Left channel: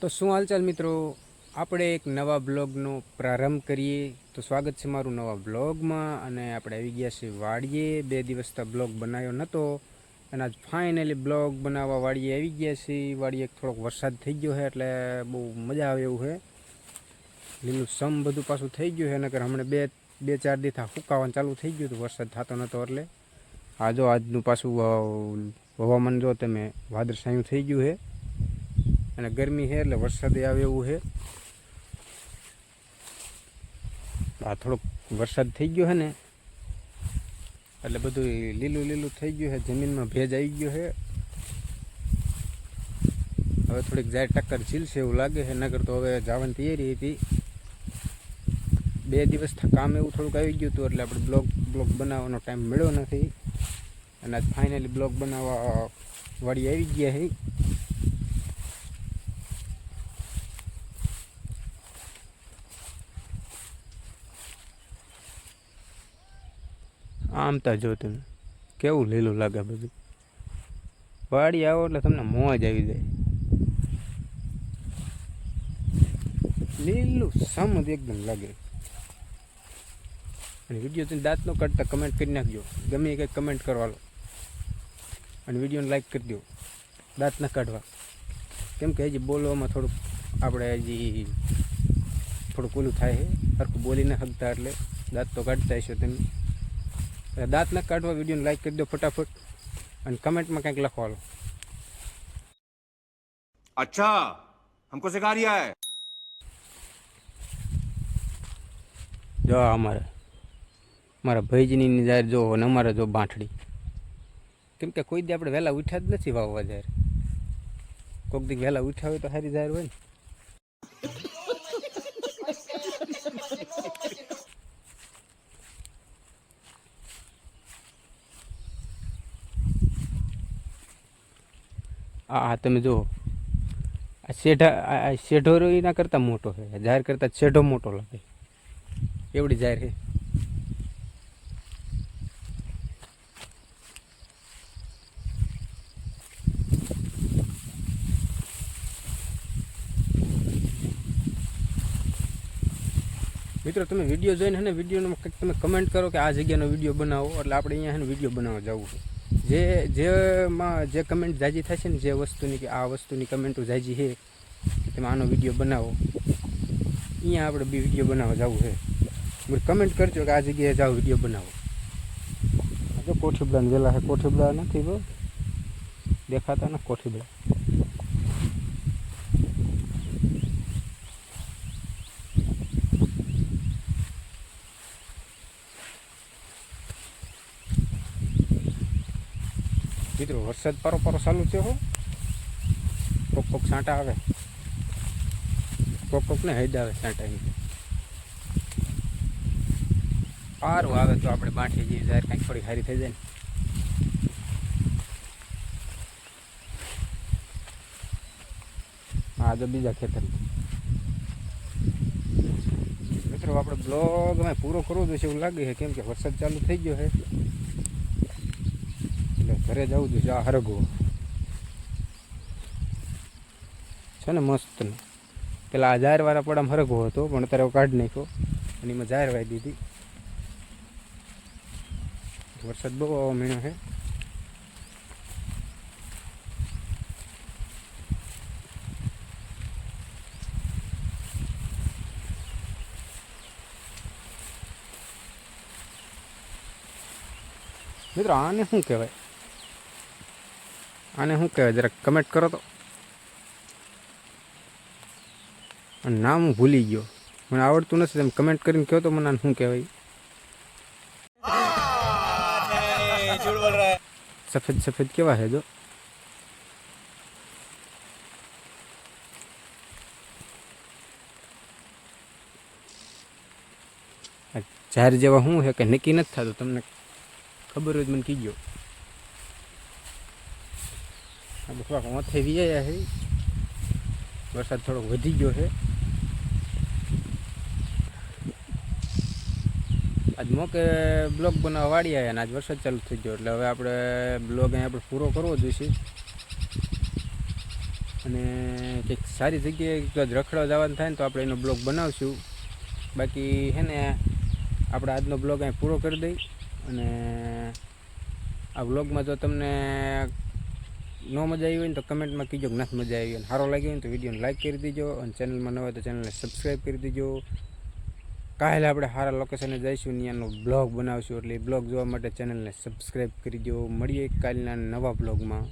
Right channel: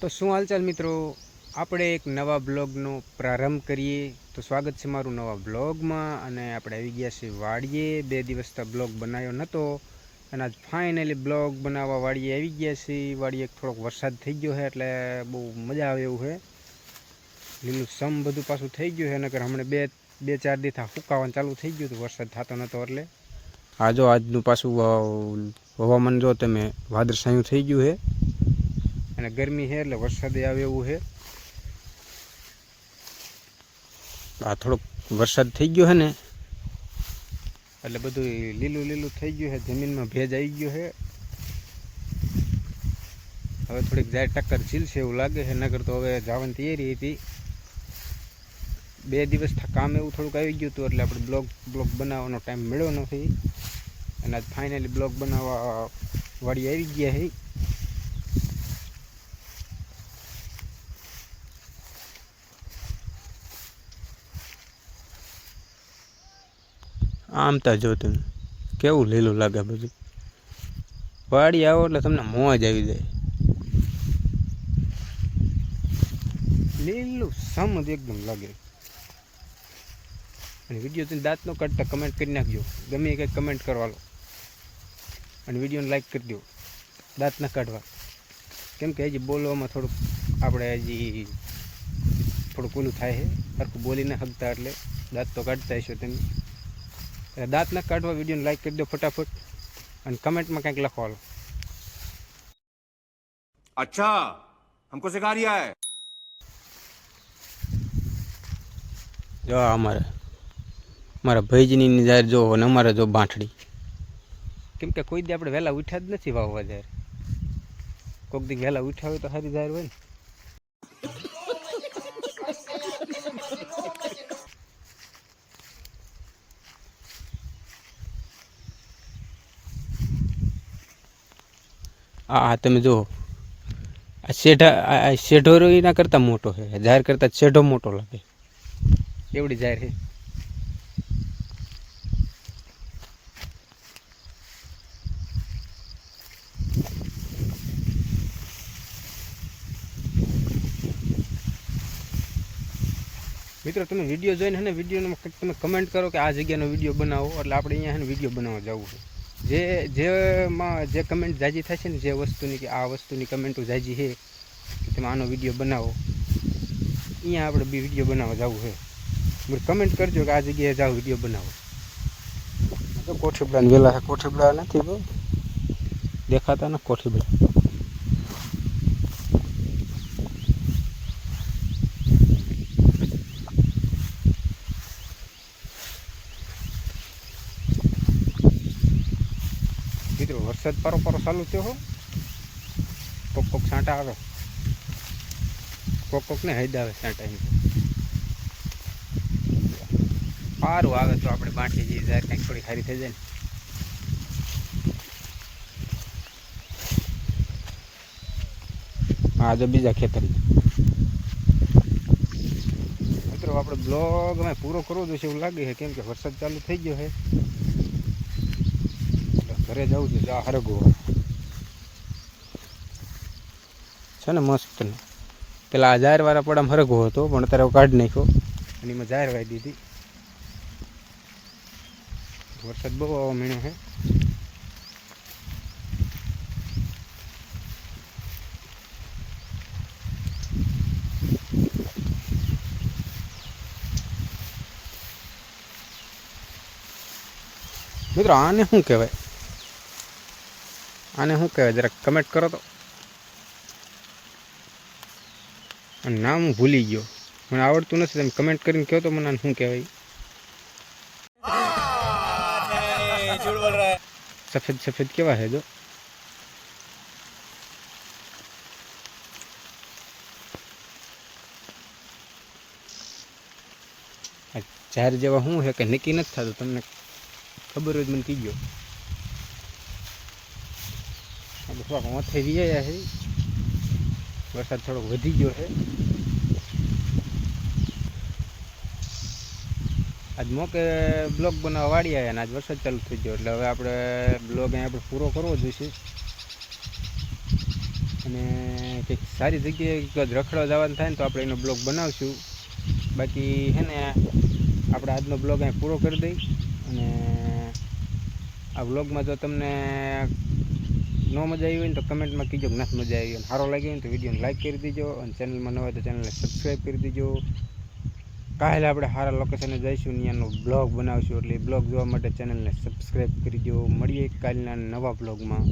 તો શું હાલચાલ મિત્રો, આપણે એક નવા બ્લોગનો પ્રારંભ કરીએ. તો સ્વાગત છે મારું નવા બ્લોગમાં. અને આપણે આવી ગયા છીએ વાડીએ. 2 દિવસથી બ્લોગ બનાવ્યો નહોતો અને આજ ફાઇનલી બ્લોગ બનાવવા વાડીએ આવી ગયા છીએ. વાડીએ થોડોક વરસાદ થઈ ગયો છે એટલે બહુ મજા આવે એવું છે. લીલું સમ બધું પાછું થઈ ગયું છે. નકર હમણાં બે ચાર દિવસ સુકાવાનું ચાલુ થઈ ગયું હતું, વરસાદ થતો નહોતો એટલે. આજનું પાછું હવામાન જો તમે વાદળછાયું થઈ ગયું છે અને ગરમી છે એટલે વરસાદ આવે એવું છે. આ થોડોક વરસાદ થઈ ગયો છે ને એટલે બધું લીલું થઈ ગયું છે, જમીનમાં ભેજ આવી ગયો છે. હવે થોડીક જાય ટક્કર ઝીલશે એવું લાગે છે, નગર તો હવે જવાની તૈયારી હતી. 2 દિવસથી કામ એવું થોડુંક આવી ગયું હતું એટલે આપણે બ્લોગ બનાવવાનો ટાઈમ મળ્યો નથી. અને આજ ફાઇનલી બ્લોગ બનાવવા વાડી આવી ગયા છે. આમ તો જો તમે કેવું લીલું લાગે બધું. વાડી આવો એટલે તમને મોજ આવી જાય. લીલું સમ જ એકદમ લાગે. અને વિડીયો તમે દાંત ન કાઢતા કમેન્ટ કરી નાખજો, ગમે કંઈક કમેન્ટ કરવાનો. અને વિડીયોને લાઈક કરી દો, દાંત ન કાઢવા. કેમ કે હજી બોલવામાં થોડુંક આપણે હજી થોડુંક ઓલું થાય છે, સરખું બોલી ન શકતા એટલે દાંત તો કાઢતા હશો તમે. દાંત ન કાઢવા, વિડીયોને લાઈક કરી દો ફટાફટ અને કમેન્ટમાં કંઈક લખવાનું. अच्छा हमको सिखा रिया है। જો મારા ભાઈજીની જાહેર જો અને અમારે જો બાંઠડી. કેમ કે કોઈ દી આપણે વહેલા ઉઠ્યા જ નથી વાવવા જાહેર. કોઈક દી વહેલા ઉઠ્યા હોય તો સારી જાહેર હોય ને. હા તમે જુઓ, આ શેઢો એના કરતાં મોટો છે, જાહેર કરતાં શેઢો મોટો લાગે એવડી જાહેર છે. મિત્રો તમે વિડીયો જોઈને ને વિડીયોમાં કંઈક તમે કમેન્ટ કરો કે આ જગ્યાનો વિડીયો બનાવો, એટલે આપણે અહીંયા છે ને વિડીયો બનાવવા જવું છે. જે કમેન્ટ જાજી થશે ને, જે વસ્તુની કે આ વસ્તુની કમેન્ટો જાજી છે કે તમે આનો વિડીયો બનાવો, અહીંયા આપણે બી વિડીયો બનાવવા જવું છે. કમેન્ટ કરજો કે આ જગ્યાએ જાઓ વિડીયો બનાવો. તો કોઠીબડાને વેલા છે, કોઠીબડા નથી બહુ દેખાતા ને કોઠીબડા. મિત્રો વરસાદ પારો ચાલુ થયો હો. કોક છાંટા આવે, કોક ને હૈદ આવે છાંટા. સારું આવે તો આપણે બાંઠી જઈએ, જાહેર કંઈક થોડી સારી થઈ જાય ને. હા જો બીજા ખેતર. મિત્રો આપણે બ્લોગ અમે પૂરો કરવો જોઈએ એવું લાગે છે, કેમ કે વરસાદ ચાલુ થઈ ગયો છે એટલે ઘરે જવું જોઈએ. આ હરગવો છે ને મસ્ત ને. પેલા આ જાહેરવાળા પડામાં હરગવો હતો પણ અત્યારે કાઢી નાખ્યો અને એમાં જાહેર વાઈ દીધી. વરસાદ બહુ આવવા માંડ્યો છે. મિત્રો આને શું કહેવાય, જરાક કમેન્ટ કરો તો. નામ હું ભૂલી ગયો, મને આવડતું નથી. તમે કમેન્ટ કરીને કહો તો મને આને શું કહેવાય. સફેદ કેવા છે જો. જાહેર જેવા શું છે કે નક્કી નથી થતું. તમને ખબર હોય મને કીજો. થોડાક ઓથે વીયા છે, વરસાદ થોડોક વધી ગયો છે. આજ મોકે બ્લોગ બનાવવા વાળી આવ્યા અને આજ વરસાદ ચાલુ થઈ ગયો એટલે હવે આપણે બ્લોગ અહીંયા પૂરો કરવો જોઈશે. અને કંઈક સારી જગ્યાએ જો આજ રખડવા જવાનું થાય ને તો આપણે એનો બ્લોગ બનાવશું. બાકી છે ને આપણે આજનો બ્લોગ અહીં પૂરો કરી દઈ. અને આ બ્લોગમાં જો તમને ન મજા આવી હોય ને તો કમેન્ટમાં કીજો કે નથી મજા આવી. અને સારો લાગ્યો હોય ને તો વિડીયોને લાઈક કરી દેજો. અને ચેનલમાં ન હોય તો ચેનલને સબસ્ક્રાઈબ કરી દેજો. કાલે આપણે સારા લોકેશને જઈશું, ત્યાંનો બ્લોગ બનાવશું. એટલે એ બ્લોગ જોવા માટે ચેનલને સબસ્ક્રાઈબ કરી દો. મળીએ કાલના નવા બ્લોગમાં.